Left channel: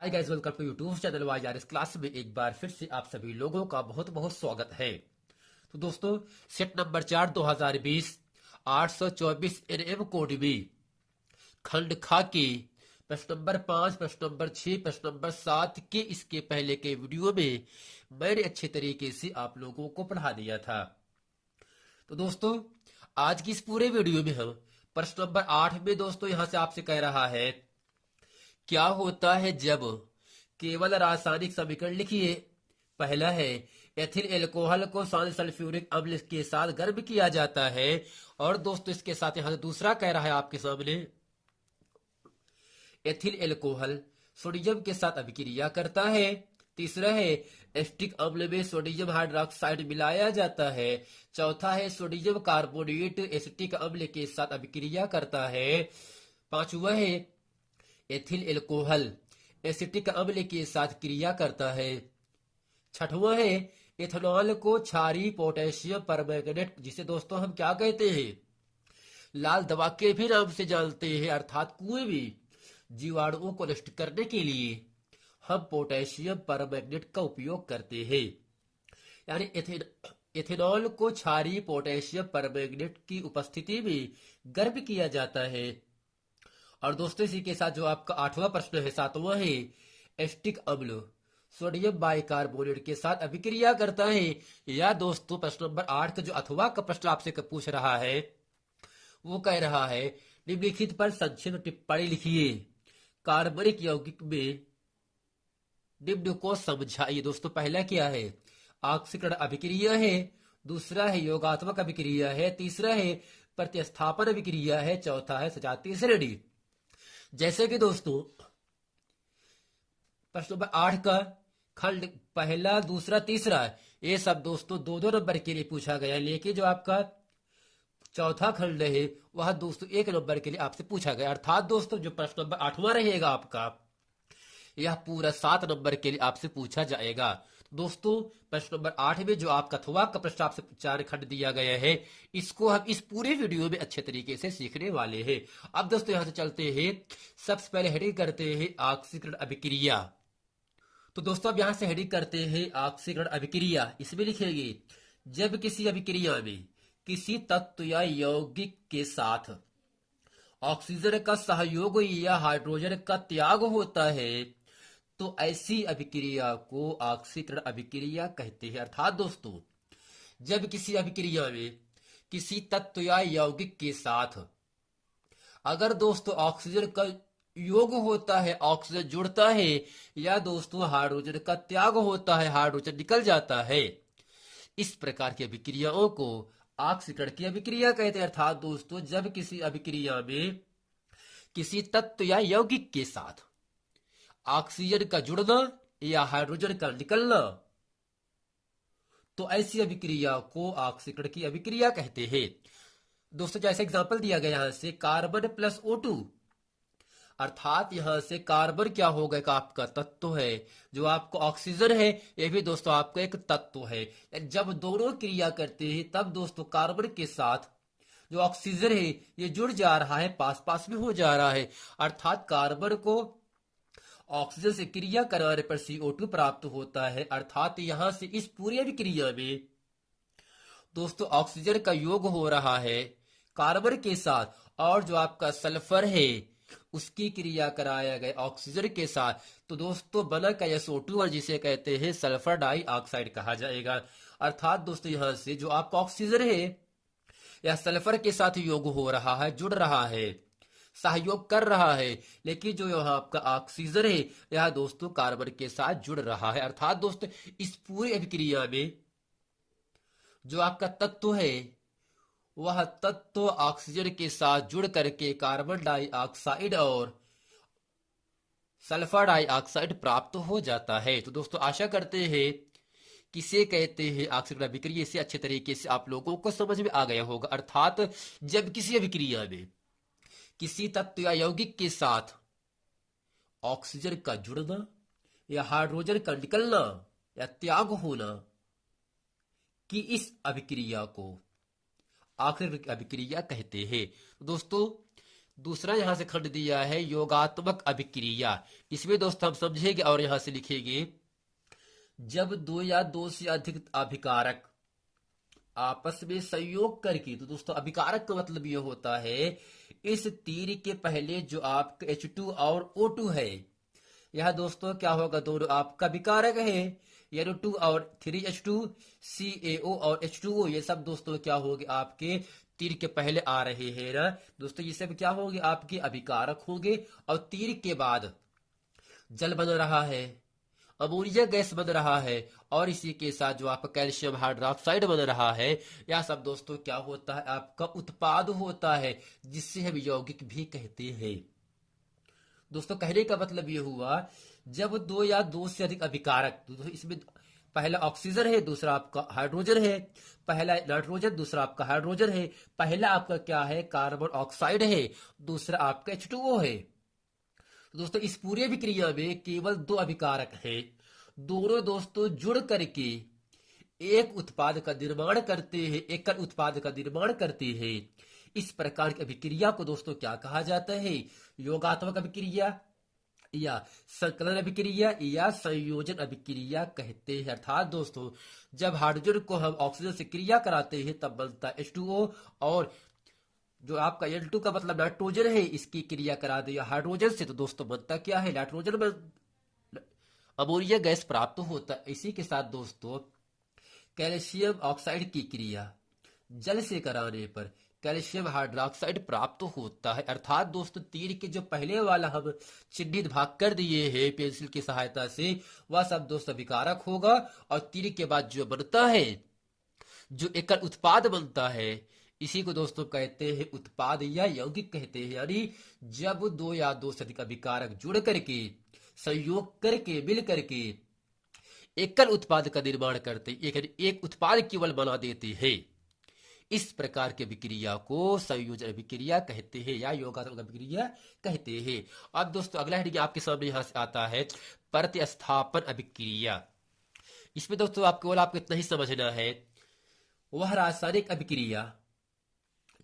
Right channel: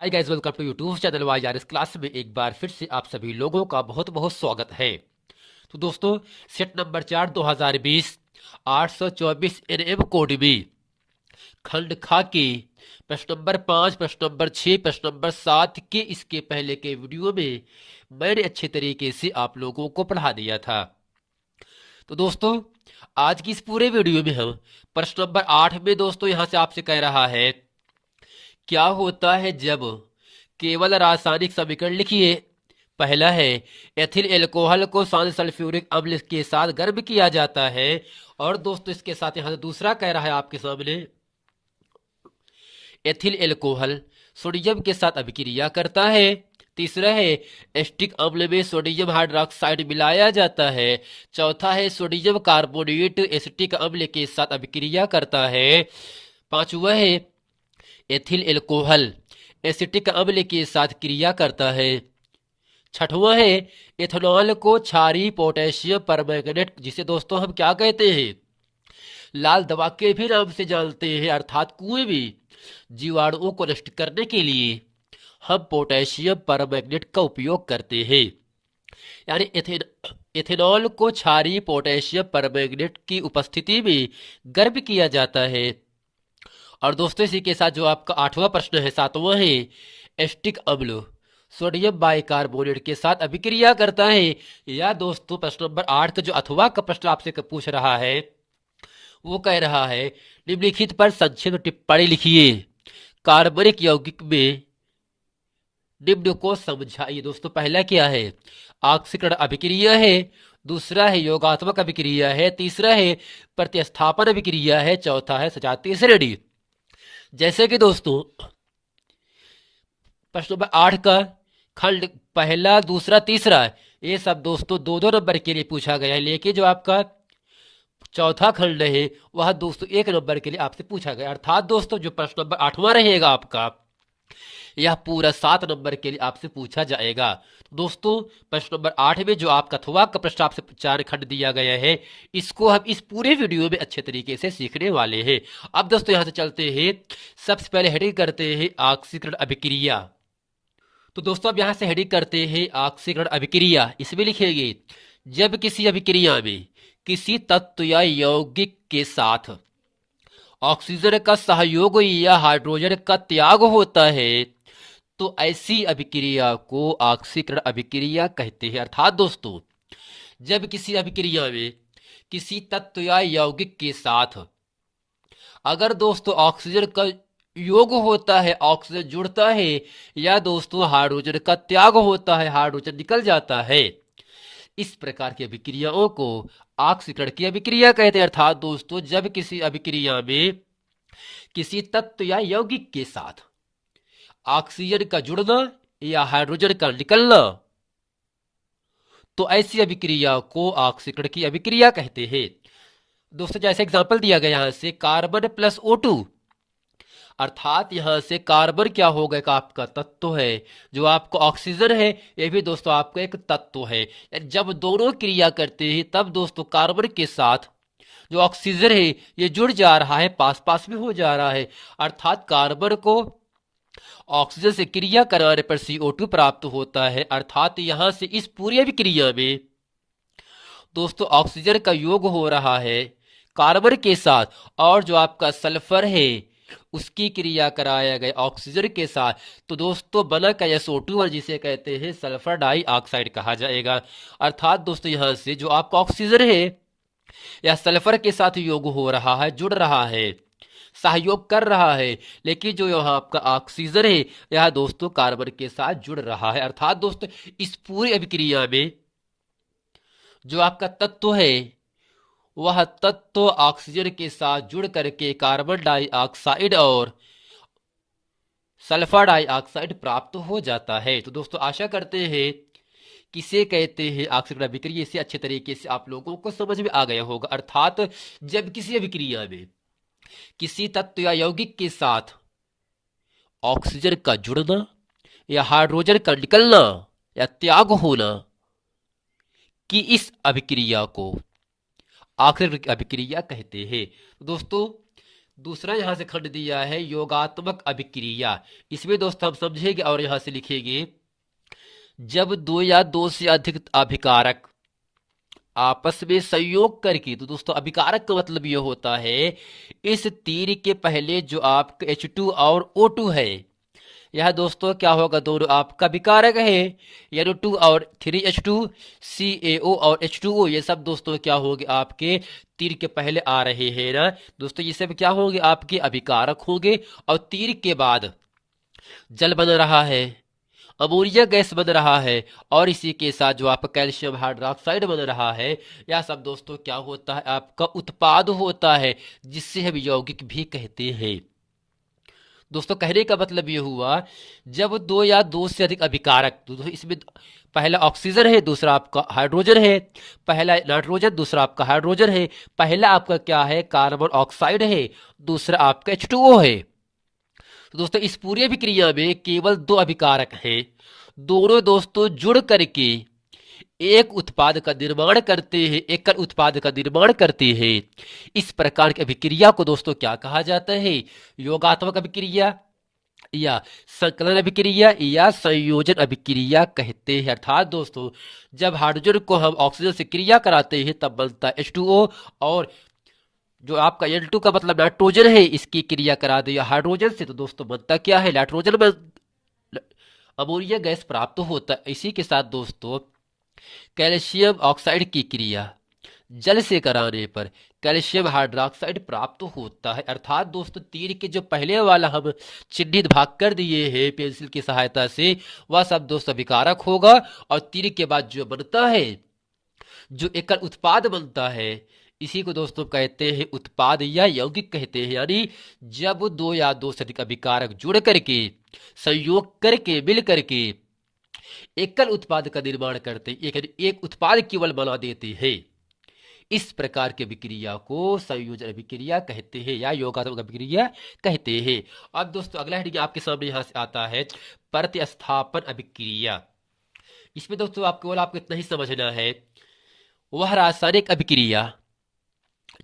Hi guys, welcome to YouTube channel Y R. इस class में एक बार फिर से आप सभी लोगों का बहुत बहुत स्वागत है। तो दोस्तों, सेट नंबर 4 2020 824 एनएम कोड में खंड खा के प्रश्न नंबर 5, प्रश्न नंबर 6, प्रश्न नंबर 7 के इसके पहले के वीडियो में मैंने अच्छे तरीके से आप लोगों को पढ़ा दिया था। तो दोस्तों, आज की इस पूरे वीडियो में हम प्रश्न नंबर 8 में दोस्तों यहां से आपसे कह रहा है, क्या होता है जब केवल रासायनिक समीकरण लिखिए। पहला है, एथिल एल्कोहल को शांत सल्फ्यूरिक अम्ल के साथ गर्म किया जाता है। और दोस्तों इसके साथ यहां से दूसरा कह रहा है आपके सामने, एथिल एल्कोहल सोडियम के साथ अभिक्रिया करता है। तीसरा है, एस्टिक अम्ल में सोडियम हाइड्रोक्साइड मिलाया जाता है। चौथा है, सोडियम कार्बोनेट एसिटिक अम्ल के साथ अभिक्रिया करता है। पांचवा है, एथिल एल्कोहल एसिटिक अम्ल के साथ क्रिया करता है। छठवां है, एथेनॉल को क्षारीय पोटेशियम परमैंगनेट, जिसे दोस्तों हम क्या कहते हैं, लाल दवा के भी नाम से जानते हैं, अर्थात कुएं में जीवाणुओं को नष्ट करने के लिए हम पोटेशियम परमैंगनेट का उपयोग करते हैं। यानी एथेनॉल को क्षारीय पोटेशियम परमैंगनेट की उपस्थिति में गर्म किया जाता है। और दोस्तों इसी के साथ जो आपका 8वां प्रश्न है, 7वां है, एस्टिक अम्ल सोडियम बाइकार्बोनेट के साथ अभिक्रिया करता है। या दोस्तों प्रश्न नंबर 8 का जो अथवा का प्रश्न आपसे पूछ रहा है, वो कह रहा है, निम्नलिखित पर संक्षिप्त टिप्पणी लिखिए। कार्बनिक यौगिक में निम्न को समझाइए। दोस्तों पहला क्या है, ऑक्सीकरण अभिक्रिया है। दूसरा है, योगात्मक अभिक्रिया है। तीसरा है, प्रतिस्थापन अभिक्रिया है। चौथा है, सजातीय श्रेणी। जैसे कि दोस्तों प्रश्न नंबर 8 का खंड पहला, दूसरा, तीसरा, ये सब दोस्तों दो दो नंबर के लिए पूछा गया है। लेकिन जो आपका चौथा खंड है वह दोस्तों 1 नंबर के लिए आपसे पूछा गया। अर्थात दोस्तों जो प्रश्न नंबर 8वां रहेगा आपका, यह पूरा 7 नंबर के लिए आपसे पूछा जाएगा। तो दोस्तों प्रश्न नंबर 8 में जो आपका अथवा का प्रश्न आपसे 4 खंड दिया गया है, इसको हम इस पूरे वीडियो में अच्छे तरीके से सीखने वाले हैं। अब दोस्तों यहां से चलते हैं, सबसे पहले हेडिंग करते हैं ऑक्सीकरण अभिक्रिया। तो दोस्तों अब यहां से हेडिंग करते हैं ऑक्सीकरण अभिक्रिया। इसमें लिखेंगे, जब किसी अभिक्रिया में किसी तत्व या यौगिक के साथ ऑक्सीजन का सहयोग या हाइड्रोजन का त्याग होता है तो ऐसी अभिक्रिया को ऑक्सीकरण अभिक्रिया कहते हैं। अर्थात दोस्तों जब किसी अभिक्रिया में किसी तत्व या यौगिक के साथ अगर दोस्तों ऑक्सीजन का योग होता है, ऑक्सीजन जुड़ता है, या दोस्तों हाइड्रोजन का त्याग होता है, हाइड्रोजन निकल जाता है, इस प्रकार की अभिक्रियाओं को ऑक्सीकरण की अभिक्रिया कहते हैं। अर्थात दोस्तों जब किसी अभिक्रिया में किसी तत्व या यौगिक के साथ ऑक्सीजन का जुड़ना या हाइड्रोजन का निकलना, तो ऐसी अभिक्रिया को ऑक्सीकरण की अभिक्रिया कहते हैं। दोस्तों जैसे एग्जांपल दिया गया यहां से, कार्बन प्लस O2, अर्थात यहां से कार्बन क्या होगा, एक आपका तत्व है, जो आपका ऑक्सीजन है ये भी दोस्तों आपका एक तत्व है। जब दोनों क्रिया करते हैं तब दोस्तों कार्बन के साथ जो ऑक्सीजन है ये जुड़ जा रहा है, पास पास में हो जा रहा है। अर्थात कार्बन को ऑक्सीजन से क्रिया कराने पर CO2 प्राप्त होता है। अर्थात यहां से इस पूरी अभिक्रिया में दोस्तों ऑक्सीजन का योग हो रहा है कार्बन के साथ, और जो आपका सल्फर है उसकी क्रिया कराया गया ऑक्सीजन के साथ, तो दोस्तों बना का SO2 और जिसे कहते हैं सल्फर डाइऑक्साइड कहा जाएगा। अर्थात दोस्तों यहां से जो आपका ऑक्सीजन है या सल्फर के साथ योग हो रहा है, जुड़ रहा है, सहयोग कर रहा है, लेकिन जो यहाँ आपका ऑक्सीजन है यह दोस्तों कार्बन के साथ जुड़ रहा है। अर्थात दोस्तों इस पूरी अभिक्रिया में जो आपका तत्व है वह तत्व ऑक्सीजन के साथ जुड़ करके कार्बन डाइऑक्साइड और सल्फर डाइऑक्साइड प्राप्त हो जाता है। तो दोस्तों आशा करते हैं किसे कहते हैं ऑक्सीकरण अभिक्रिया, इसे अच्छे तरीके से आप लोगों को समझ में आ गया होगा। अर्थात जब किसी अभिक्रिया में किसी तत्व या यौगिक के साथ ऑक्सीजन का जुड़ना या हाइड्रोजन का निकलना या त्याग होना, कि इस अभिक्रिया को ऑक्सीकरण अभिक्रिया कहते हैं। दोस्तों दूसरा यहां से खंड दिया है योगात्मक अभिक्रिया। इसमें दोस्तों हम समझेंगे और यहां से लिखेंगे, जब दो या दो से अधिक अभिकारक आपस में संयोग करके, तो दोस्तों अभिकारक का मतलब यह होता है इस तीर के पहले जो आपका H2 और O2 है, यह दोस्तों क्या होगा, दोनों आपका विकारक है, यानी 2 और 3H2 CaO और H2O, ये सब दोस्तों क्या होंगे, आपके तीर के पहले आ रहे हैं ना दोस्तों, ये सब क्या होंगे, आपके अभिकारक होंगे। और तीर के बाद जल बन रहा है, अमोनिया गैस बन रहा है, और इसी के साथ जो आपका कैल्शियम हाइड्रोक्साइड बन रहा है, यह सब दोस्तों क्या होता है, आपका उत्पाद होता है, जिससे हम यौगिक भी कहते हैं। दोस्तों कहने का मतलब यह हुआ, जब दो या दो से अधिक अभिकारक, तो इसमें पहला ऑक्सीजन है, दूसरा आपका हाइड्रोजन है, पहला नाइट्रोजन, दूसरा आपका हाइड्रोजन है, पहला आपका क्या है, कार्बन ऑक्साइड है, दूसरा आपका H2O है। तो दोस्तों इस पूरी अभिक्रिया में केवल दो अभिकारक हैं, दोनों दोस्तों जुड़ करके एक उत्पाद का निर्माण करते हैं, एकल उत्पाद का निर्माण करते हैं। इस प्रकार की अभिक्रिया को दोस्तों क्या कहा जाता है, योगात्मक अभिक्रिया या संकलन अभिक्रिया या संयोजन अभिक्रिया कहते हैं। अर्थात दोस्तों जब हाइड्रोजन को हम ऑक्सीजन से क्रिया कराते हैं तब बनता है H2O, और जो आपका N2 का मतलब नाइट्रोजन है, इसकी क्रिया करा दिया हाइड्रोजन से, तो दोस्तों बनता क्या है, नाइट्रोजन में अमोनिया गैस प्राप्त होता है। इसी के साथ दोस्तों कैल्शियम ऑक्साइड की क्रिया जल से कराने पर कैल्शियम हाइड्रोक्साइड प्राप्त होता है। अर्थात दोस्तों तीर के जो पहले वाला हम चिन्हित भाग कर दिए हैं पेंसिल की सहायता से, वह सब दोस्तों विकारक होगा, और तीर के बाद जो बनता है, जो एकल उत्पाद बनता है, इसी को दोस्तों कहते हैं उत्पाद या यौगिक कहते हैं। यानी जब दो या दो से अधिक अभिकारक जुड़ करके संयोग करके मिल करके एकल उत्पाद का निर्माण करते, एक उत्पाद केवल बना देते हैं, इस प्रकार की अभिक्रिया को संयोजन अभिक्रिया कहते हैं या योगात्मक अभिक्रिया कहते हैं। अब दोस्तों अगला हेडिंग आपके सामने यहां से आता है प्रतिस्थापन अभिक्रिया। इसमें दोस्तों आपको इतना ही समझना है, वह रासायनिक अभिक्रिया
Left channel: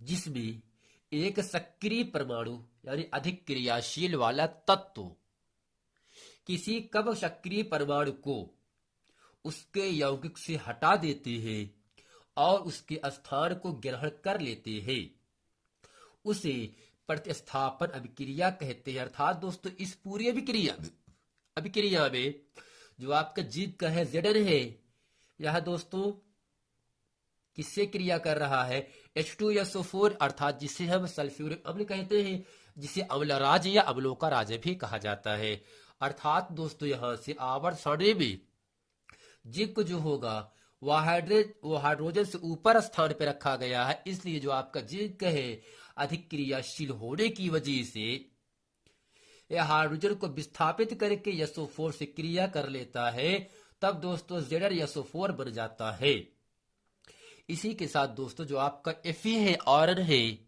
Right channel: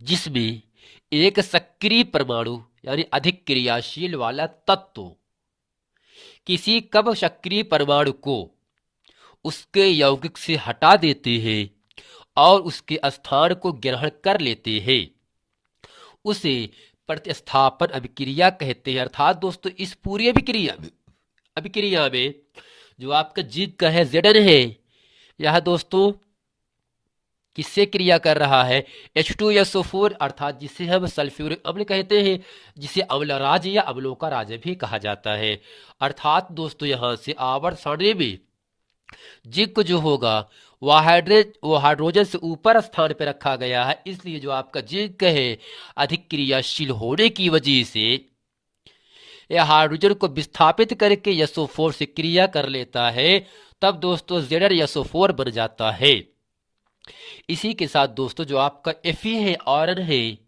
जिसमें एक सक्रिय परमाणु यानी अधिक क्रियाशील वाला तत्व किसी कम सक्रिय परमाणु को उसके यौगिक से हटा देते हैं और उसके स्थान को ग्रहण कर लेते हैं, उसे प्रतिस्थापन अभिक्रिया कहते हैं। अर्थात दोस्तों इस पूरी अभिक्रिया में जो आपका जिंक का है Zn है, यह दोस्तों किससे क्रिया कर रहा है, H2SO4, अर्थात जिसे हम सल्फ्यूरिक अम्ल कहते हैं, जिसे अम्ल राज या अम्लों का राज भी कहा जाता है। अर्थात दोस्तों यहां से आवर्त सारणी में जिंक जो होगा वह हाइड्रोजन से ऊपर स्थान पर रखा गया है, इसलिए जो आपका जिंक है अधिक क्रियाशील होने की वजह से यह हाइड्रोजन को विस्थापित करके SO4 से क्रिया कर लेता है, तब दोस्तों ZnSO4 बन जाता है। इसी के साथ दोस्तों जो आपका Fe है, आयरन है,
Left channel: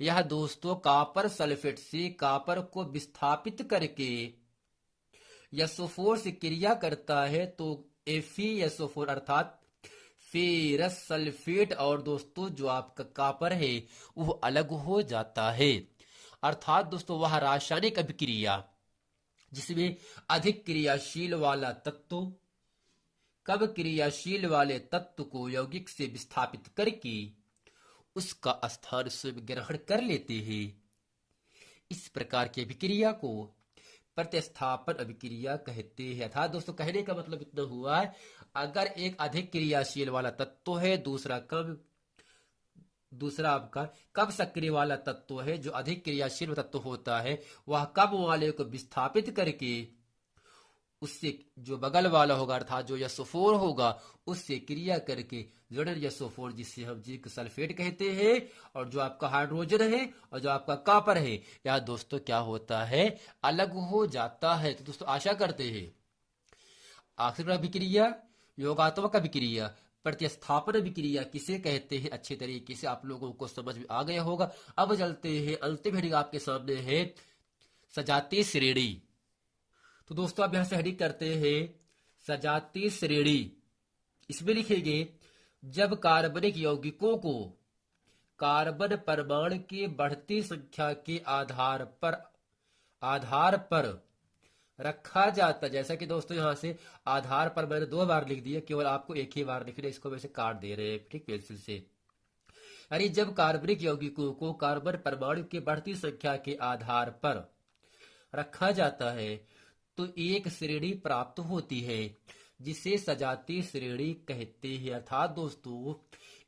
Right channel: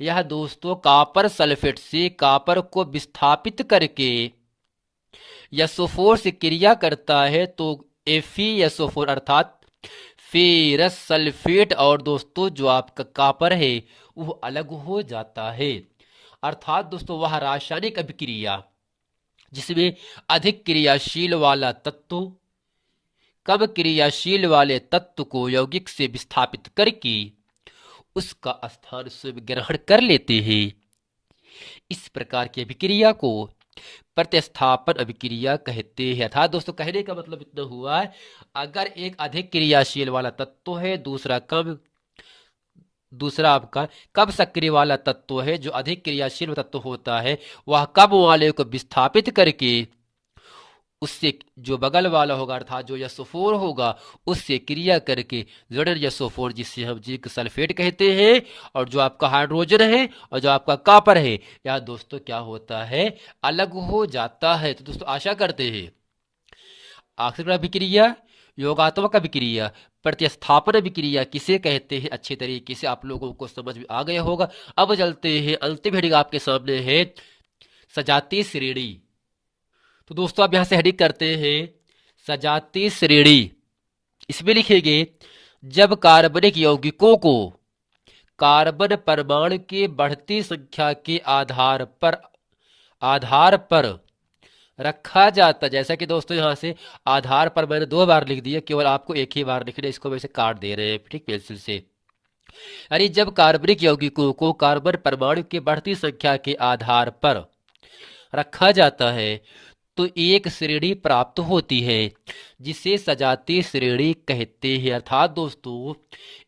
यह दोस्तों कॉपर सल्फेट से कॉपर को विस्थापित करके SO4 से क्रिया करता है, तो FeSO4 अर्थात फेरस सल्फेट और दोस्तों जो आपका कॉपर है वो अलग हो जाता है। अर्थात दोस्तों वह रासायनिक अभिक्रिया जिसमें अधिक क्रियाशील वाला तत्व कम क्रियाशील वाले तत्व को यौगिक से विस्थापित करके उसका स्थान स्वयं ग्रहण कर लेते हैं, इस प्रकार की अभिक्रिया को प्रतिस्थापन अभिक्रिया कहते हैं। अर्थात दोस्तों कहने का मतलब इतना हुआ है, अगर एक अधिक क्रियाशील वाला तत्व है, दूसरा आपका कम सक्रिय वाला तत्व है, जो अधिक क्रियाशील तत्व होता है वह कम वाले को विस्थापित करके उससे जो बगल वाला होगा अर्थात जो SO4 होगा उससे क्रिया करके ZnSO4 जिससे हम जिंक सल्फेट कहते हैं, और जो आपका हाइड्रोजन है और जो आपका कॉपर है, यह दोस्तों क्या होता है, अलग हो जाता है। तो दोस्तों आशा करते हैं आखिरी अभिक्रिया योगात्मक अभिक्रिया प्रतिस्थापन अभिक्रिया किसे कहते हैं अच्छे तरीके से आप लोगों को समझ में आ गया होगा। अब चलते हैं अंतिम हेडिंग आपके सामने है सजातीय श्रेणी। तो दोस्तों आप यहां से हेडिंग करते हैं सजातीय श्रेणी। इसमें लिखेंगे जब कार्बनिक यौगिकों को कार्बन परमाणु के बढ़ती संख्या के आधार पर रखा जाता। जैसा कि दोस्तों यहाँ से आधार पर मैंने 2 बार लिख दिया, केवल आपको एक ही बार लिखना है, इसको वैसे काट दे रहे हैं ठीक पेंसिल से। यानी जब कार्बनिक यौगिकों को कार्बन परमाणु की बढ़ती संख्या के आधार पर रखा जाता है तो एक श्रेणी प्राप्त होती है जिसे सजातीय श्रेणी कहते हैं। अर्थात दोस्तों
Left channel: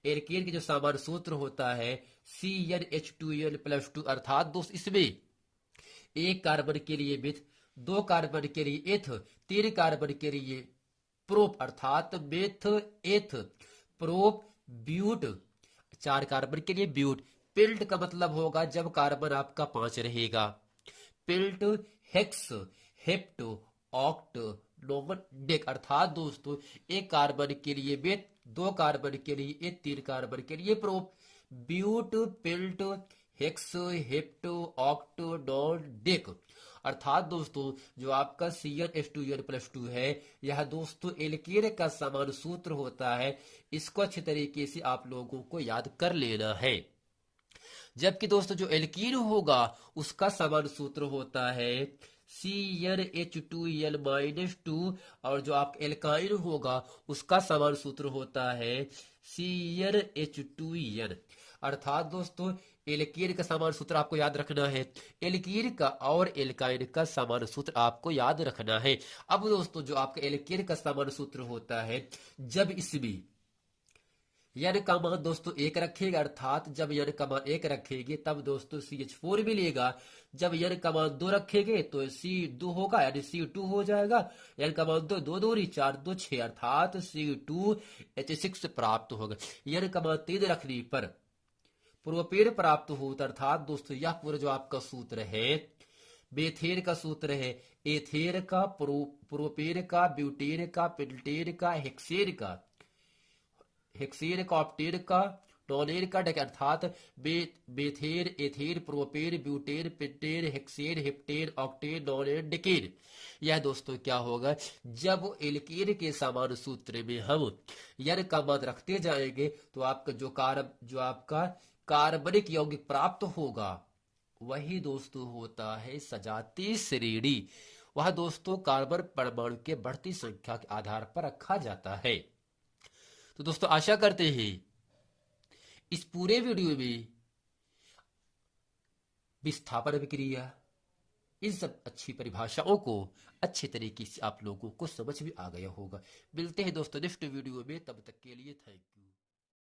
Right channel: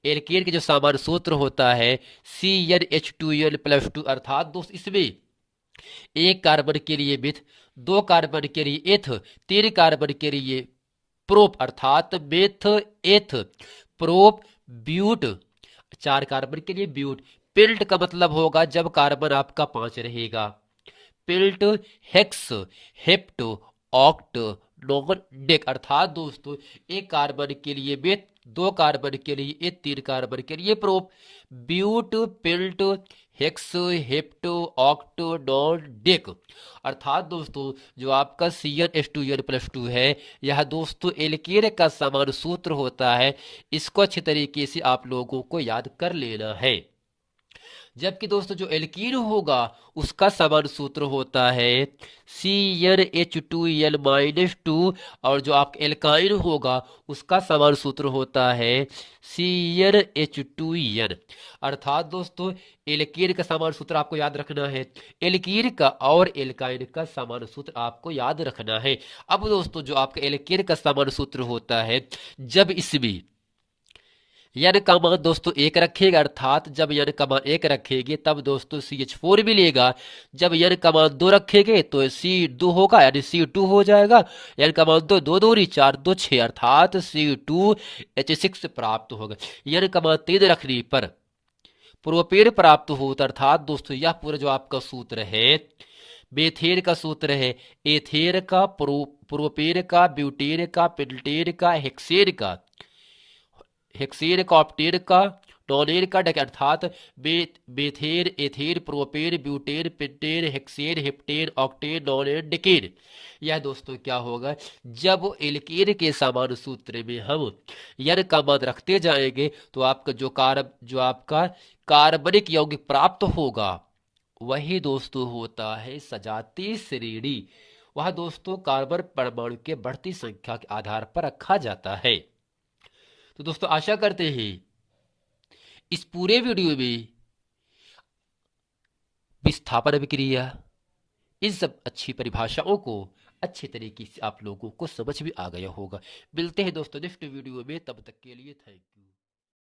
एल्केन के जो सामान्य सूत्र होता है CnH2n+2, अर्थात दोस्त इसमें 1 कार्बन के लिए मिथ, 2 कार्बन के लिए एथ, 3 कार्बन के लिए प्रोप अर्थात मेथ एथ प्रोप ब्यूट, 4 कार्बन के लिए ब्यूट। पिल्ट का मतलब होगा जब कार्बन आपका 5 रहेगा, Pilt, hex, hept, oct, non dec, अर्थात दोस्तों 1 कार्बन के लिए मेथ, 2 कार्बन के लिए एथ, 3 कार्बन के लिए prop, but, pent, hex, hept, oct, non dec. अर्थात दोस्तों जो आपका CnH2n+2 है यह दोस्तों एल्केन का सामान्य सूत्र होता है, इसको अच्छी तरीके से आप लोगों को याद कर लेना है। जबकि दोस्तों जो एल्कीन होगा उसका सामान्य सूत्र होता है CnH2n-2, और जो आपका एल्काइन होगा उसका सामान्य सूत्र होता है CnH2n। अर्थात दोस्तों एल्कीन का सामान्य सूत्र आपको याद रखना है, एल्कीन का और एल्काइन का सामान्य सूत्र आपको याद रखना है। अब दोस्तों जो आपका एल्कीन का सामान्य सूत्र होता है जब इसमें यन का मान दोस्तों 1 रखेगा, अर्थात जब यन का मान 1 रखेंगे तब दोस्तों CH4 मिलेगा। जब यन का मान 2 रखेंगे तो C2 होगा यानी C2 हो जाएगा। यन का मान 2, 2 दूरी 4, 2 6 अर्थात C2H6 प्राप्त होगा। यन का मान 3 रखने पर प्रोपेन प्राप्त होता, अर्थात दोस्तों यह पूरा जो आपका सूत्र है मेथेन का सूत्र है, एथेन का, प्रोपेन का, ब्यूटेन का, पेंटेन का, हेक्सेन का, ऑक्टेन का, नॉनेन का, अर्थात methane, ethane, propane, butane, pentane, hexane, heptane, octane, nonane, decane. यह दोस्तों क्या होगा जब एल्केन के सामान्य सूत्र में हम यन का मान रखते जाएंगे तो आपका जो आपका कार्बनिक यौगिक प्राप्त होगा वही दोस्तों होता है सजातीय श्रेणी। वह दोस्तों कार्बन परमाणु के बढ़ती संख्या के आधार पर रखा जाता है। तो दोस्तों आशा करते हैं इस पूरे वीडियो में विस्थापन अभिक्रिया इन सब अच्छी परिभाषाओं को अच्छे तरीके से आप लोगों को समझ में आ गया होगा। मिलते हैं दोस्तों नेक्स्ट वीडियो में, तब तक के लिए थैंक यू।